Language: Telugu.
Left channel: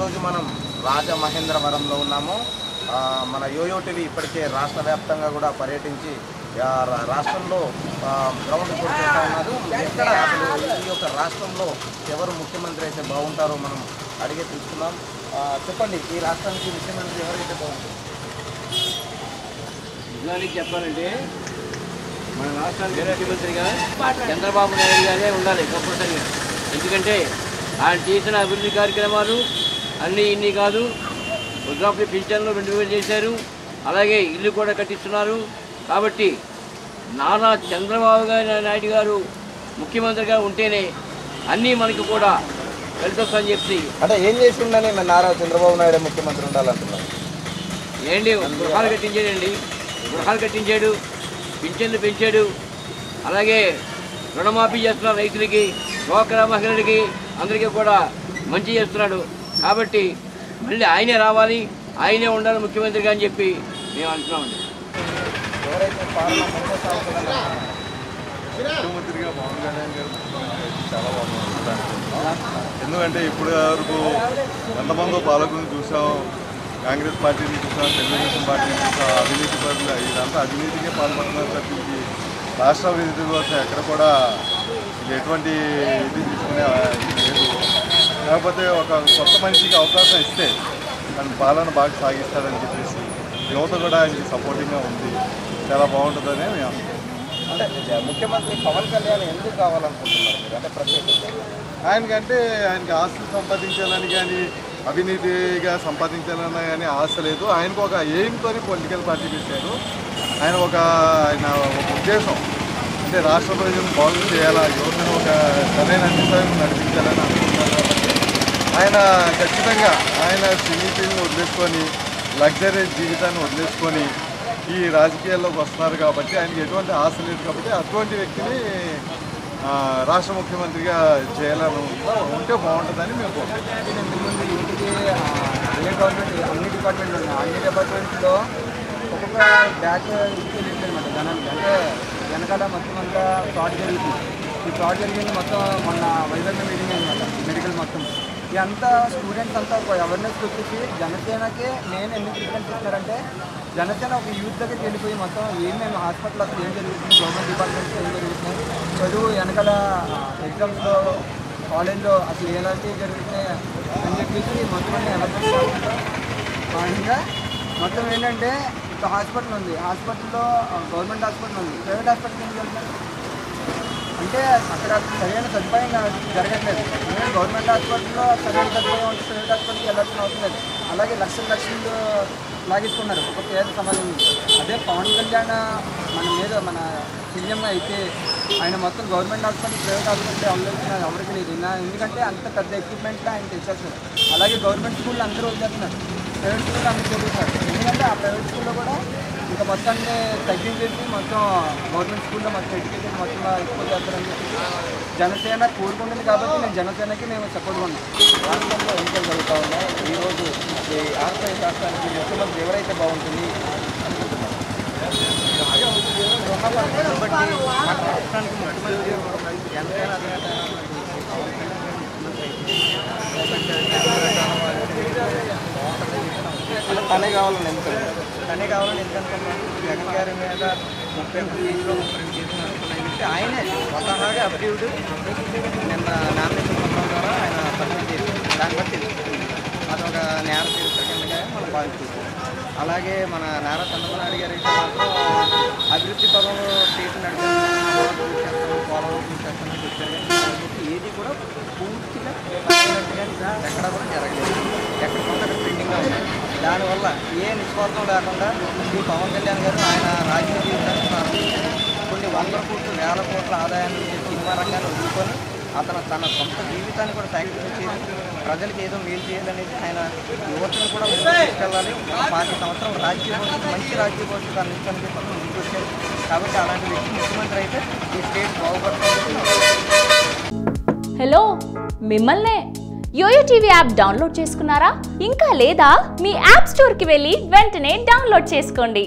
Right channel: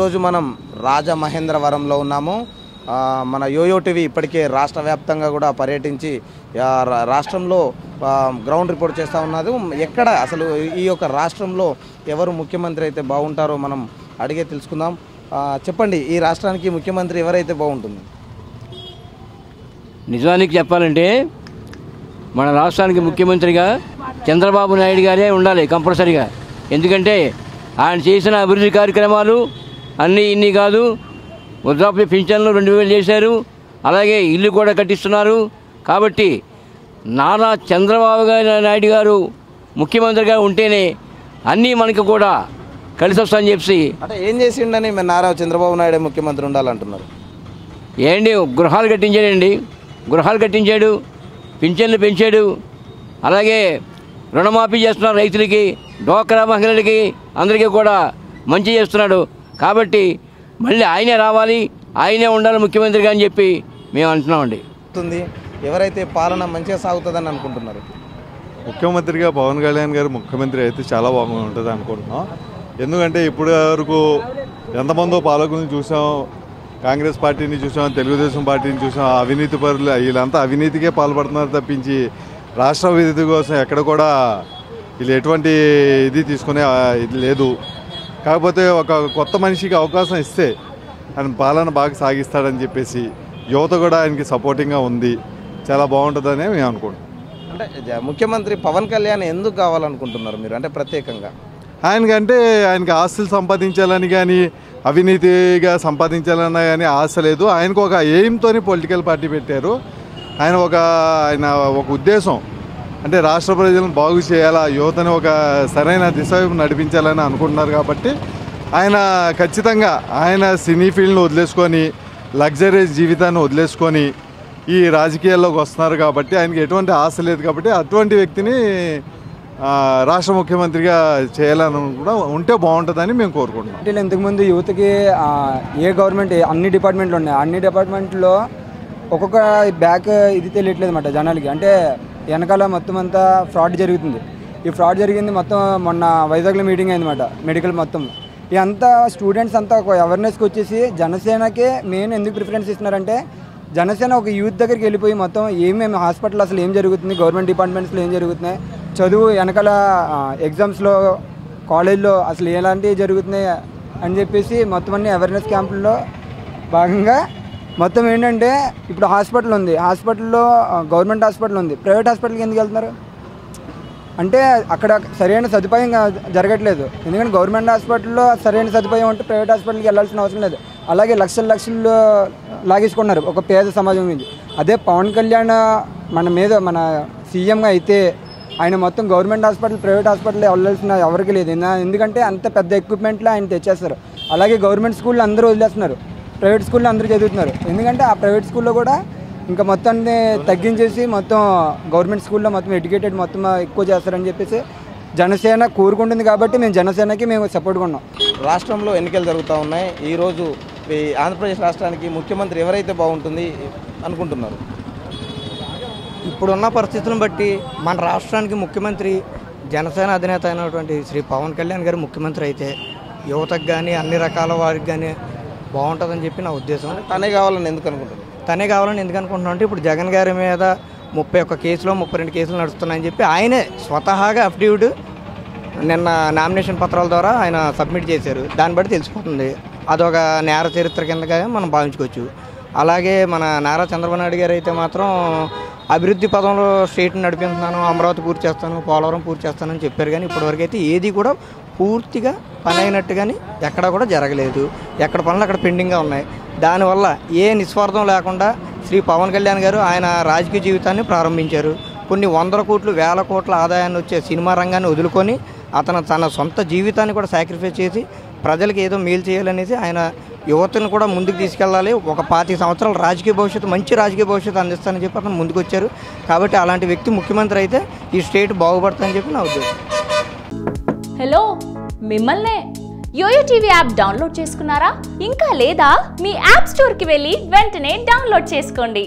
ఈరోజు మనం రాజమహేంద్రవరంలో ఉన్నాము. మన యోయో టీవీ ఇప్పటికే రాష్ట్ర వ్యాప్తంగా కూడా పర్యటించి రాష్ట్రంలో గ్రౌండ్ రిపోర్ట్ చేస్తూ ఉన్నది. ఎక్కడ అసలు ఈ యొక్క రాష్ట్రంలో ఎవరు ముఖ్యమంత్రి అయితే బాగుంటారో మనం అడిగే తెలుసుకుందాం. చెప్పండి, ఈ రాష్ట్రానికి ముఖ్యమంత్రి ఎవరైతే బాగుంటుంది? నిజానికి చెప్పాలంటే మన రాష్ట్రానికి ముఖ్యమంత్రిగా చంద్రబాబు నాయుడు గారే ఉండాలి కంపల్సరీగా. ఎందుకంటే ఆయన చేసిన అభివృద్ధి కార్యక్రమాలు అన్నీ ఇన్ని కాదు. వృద్ధాప్య పింఛన్లు 2000 చేశారు, అలాగే ఇల్లు కూడా కట్టిస్తున్నారు. కాబట్టి నారా చంద్రబాబు నాయుడు గారు ముఖ్యమంత్రిగా ఉంటేనే అన్నీ మనకు కూడా కలిసి వస్తాయని చెప్పి. అంటే ఏం చేసిండని నారా చంద్రబాబు నాయుడు ముఖ్యమంత్రి ఉండాలంటున్నారు? ఏంటి, గృహాలు కట్టించాడండి, గృహాలు కట్టించాడు, పింఛన్లు పెంచాడు, అలాగే రుణమాఫీ చేస్తున్నారు రైతులకి, డ్వాక్రా మహిళలకి, అందరికీ కూడా మంచి చేస్తున్నాడు. కాబట్టి మళ్ళీ ఆయనే రావాలి, ఆయనే ఉండాలి ముఖ్యమంత్రిగా అని చెప్పి మేము అంటున్నామండి. ఎవరైతే పాలన మంచిగా సాగుతుందని అనుకుంటున్నారు? ముఖ్యమంత్రిగా పవన్ కళ్యాణ్ గారు ముఖ్యమంత్రి అయితే చాలా బాగుంటుంది అనుకుంటున్నాం. ఎందుకంటే ఇప్పటి వరకు ఎంతమందో పాలకులను చూసాం, కాంగ్రెస్ పార్టీని చూసాం, తెలుగుదేశం పార్టీని చూసాం. అవినీతి పరులు వీళ్ళంతా అవినీతికే పాల్పడుతున్నారు తప్పించి రాష్ట్ర అభివృద్ధి కోసం ఎక్కడ కూడా వీళ్ళు ఎటువంటి ఇది తీసుకునే ఇది లేదు. కాకపోతే ఒక కొత్త మనిషికి అవకాశం ఇస్తే ఆయన పాలన బాగా సాగిస్తాడని చెప్పేసి యువత కూడా ఆయనకి సపోర్టింగ్గా ఉంది. చాలా బాగుంటుందని మేము అనుకుంటున్నాం. ముఖ్యమంత్రి పవన్ కళ్యాణ్ ఎందుకు కావాలనుకుంటున్నారు మీరు? అంటే ప్రత్యేకంగా ఆయనకి ఆస్తులు సంపాదించాలని కానీ అవినీతిగా సంపాదించాలన్నా కానీ ఆశ లేదు. ఆయనకు ఒక ఎయిమ్తోని పొలిటికల్ పార్టీ పెట్టారు. ఆయన ఒక ఉద్దేశం అంటే రాష్ట్ర ప్రజలను బాగు చేయాలా, యువతను ఒక సరైన దిశ నడిపించాలని అనుకుంటున్నారు. కాబట్టి ఆయన ఖచ్చితంగా ఆయన సినీ ఫీల్డ్ను వదిలేసుకొని లగ్జరీ జీవితాన్ని వదిలేసుకొని ఈ రాజకీయాల్లోకి వస్తున్నారు. కాబట్టి ఆయనకి ఎటువంటి ఆశ లేదు. కాబట్టి అటువంటి వ్యక్తిని రాష్ట్ర ముఖ్యమంత్రిగా చేయాలని ఉంటే బాగుంటుందని మేము కోరుకుంటున్నాం. ఇంతకుముందు యూత్కి ఏ గవర్నమెంట్ అన్ని డిపార్ట్మెంట్లు ఉన్నాయి, అన్ని డిపార్ట్మెంట్లో ఒక్కొక్క బ్యాక్ ఇది తెలియట్లేదు అన్నమాట జనానికి. అంటే వెనకాల మొత్తం అంతా ఫ్రాడ్ జరుగుతుంది. ఈ ఫ్రాడ్ జరిగింది మొత్తం మొన్న వైజాగ్లో మీటింగ్ అయిందన్నమాట, మెడికల్ మొత్తం. ఇదంతా స్టూడెంట్స్ అంతా ఒక అవేర్నెస్కి వచ్చేసి జనసేనకే మెయిన్ ఎందుకు ప్రిఫరెన్స్ ఇస్తున్నారంటే, జనసేన ఒక యూత్ దగ్గరికి వెళ్ళిపోయి మొత్తం ఏమేమి హాస్పిటల్ అసలు ఏం జరుగుతుంది, గవర్నమెంట్ డిపార్ట్మెంట్స్లో ఏం జరుగుతున్నాయి, చదువు వెనకాల ఎగ్జామ్స్లో కాలేజ్లో అసలు ఎలాంటివి జరుగుతున్నాయి అని చెప్పేసి మొత్తం అన్ని అవేర్నెస్ క్యాంపుల్లో భాగంగా మొత్తం ఏంటంటే ఇప్పుడు హాస్పిటల్ ఉంది, హాస్పిటల్లో గవర్నమెంట్ హాస్పిటల్ ఉంది, ప్రైవేట్ హాస్పిటల్కి ఎందుకు వెళ్తున్నారు అంటే అక్కడ సరైన సదుపాయం జరగట్లేదు. ఎందుకంటే గవర్నమెంట్ హాస్పిటల్లో సరైన సదుపాయం ఉంటే ప్రైవేట్ హాస్పిటల్కి వెళ్ళాల్సిన అవసరం లేదు. అలాగే లక్షలు లాగేసుకున్నారు ఒక పేద సమాజం మీద. అదే పవన్ కళ్యాణ్ మన సీఎంగా అయితే ఆయన మొత్తం గవర్నమెంట్ హాస్పిటల్ ప్రైవేట్ హాస్పిటల్ వెళ్ళాల్సిన ఎవరికి లేదు. ఎందుకంటే అంత పెద్ద ఎక్విప్మెంట్లో ఆయన తెచ్చేస్తారు. అలాగే గవర్నమెంట్ స్కూల్లో అందరూ వదిలేస్తున్నారు, ప్రైవేట్ స్కూల్లో అందరూ చదువుతున్నారు. ఎందుకంటే ఆ ప్రైవేట్ స్కూల్లో కూడా ఇంకా మొత్తాన్ని తగ్గించేసి మొత్తం గవర్నమెంట్ స్కూల్లో మొత్తం ఎడ్యుకేటెడ్ మొత్తం ఎక్కువ చేస్తారని చెప్పేసి జనసేన కోరుకుంటుంది. కాబట్టి మేము సపోర్ట్గా ఉన్నాం. రాష్ట్రంలో ఎన్నికలు జరుగుతూ ఉన్నాయి. ఈరోజు ఈ ఆంధ్రప్రదేశ్ రాష్ట్రానికి ముఖ్యమంత్రి ఎవరైతే బాగుంటుంది అనుకుంటున్నారు? ఇప్పుడున్న పరిస్థితులను బట్టి మన రాష్ట్రానికి ముఖ్యమంత్రి జనసేన అధినేత అయినటువంటి శ్రీ పవన్ కళ్యాణ్ గారు ముఖ్యమంత్రి అయితే యువతకు కానీ అన్ని రకాల వారికి కానీ బాగుంటుందని చెప్పి నా ఉద్దేశం. తనే కావాలని ఎందుకనుకుంటున్నాం అంటే ఇప్పుడు జగన్ గారి మీద 31 కేసులు 32 కేసులు నడుస్తున్నాయని చెప్పి ఆయనే స్వతహాగా అఫిడవిట్ నిన్న నామినేషన్ పత్రాల ద్వారా ఆయన సబ్మిట్ చేశారు. దాన్ని బట్టి తెలుసుకుంటుంది అదొక నేర చరిత్ర కిందగా మనం భావించుకోవచ్చు. అలాగే మన నారా చంద్రబాబు నాయుడు గారు అయితే మాత్రం అభివృద్ధి పదంలో స్టేట్ని నడిపిస్తున్నాను, అమరావతి పూర్తి చేస్తాను, పోలవరం పూర్తి చేస్తానని చెప్పారు. కానీ ఇప్పటివరకు అయితే ఏది కూడా పూర్తిగా పని అయినట్టు కానీ ఎక్కడ కూడా జరగలేదు. ఎక్కడ పనులు అక్కడ పెండింగ్గా ఉన్నాయి. దానివల్ల ఏ నిస్వార్థం లేకుండా శ్రీ పవన్ కళ్యాణ్ గారు ఆయన రాజకీయ జీవితాన్ని ప్రారంభించారు. కొన్ని 100 కోట్లు 1000 కోట్ల ఆదాయాన్ని వచ్చే సినిమా రంగాన్ని వదులుకొని అతను తన సొంత జీవితాన్ని కూడా సాక్రిఫైస్ చేసి ప్రజలకు ఏదో మేలు చేయాలనేసి ఆయన యువతను కూడా ముందుకు తీసుకెళ్ళాలి, ఒక 25 సంవత్సరాల రాజకీయ భవిష్యత్తు మంచి రాజకీయ భవిష్యత్తు అందిస్తానని చెప్పి అతను ముందుకు వచ్చారు. కాబట్టి అలాంటి వ్యక్తి ముఖ్యమంత్రి అయితే ఈ స్టేట్ బాగుపడుతుందని చెప్పి నా ఉద్దేశం. హలో, మిమ్మల్నే యోయో టీవీ యాప్ డౌన్లోడ్ చేసుకున్నారా? ఇంకా లేదా? మీ యాప్ స్టోర్కి వెళ్ళి వెంటనే డౌన్లోడ్ చేసుకోండి.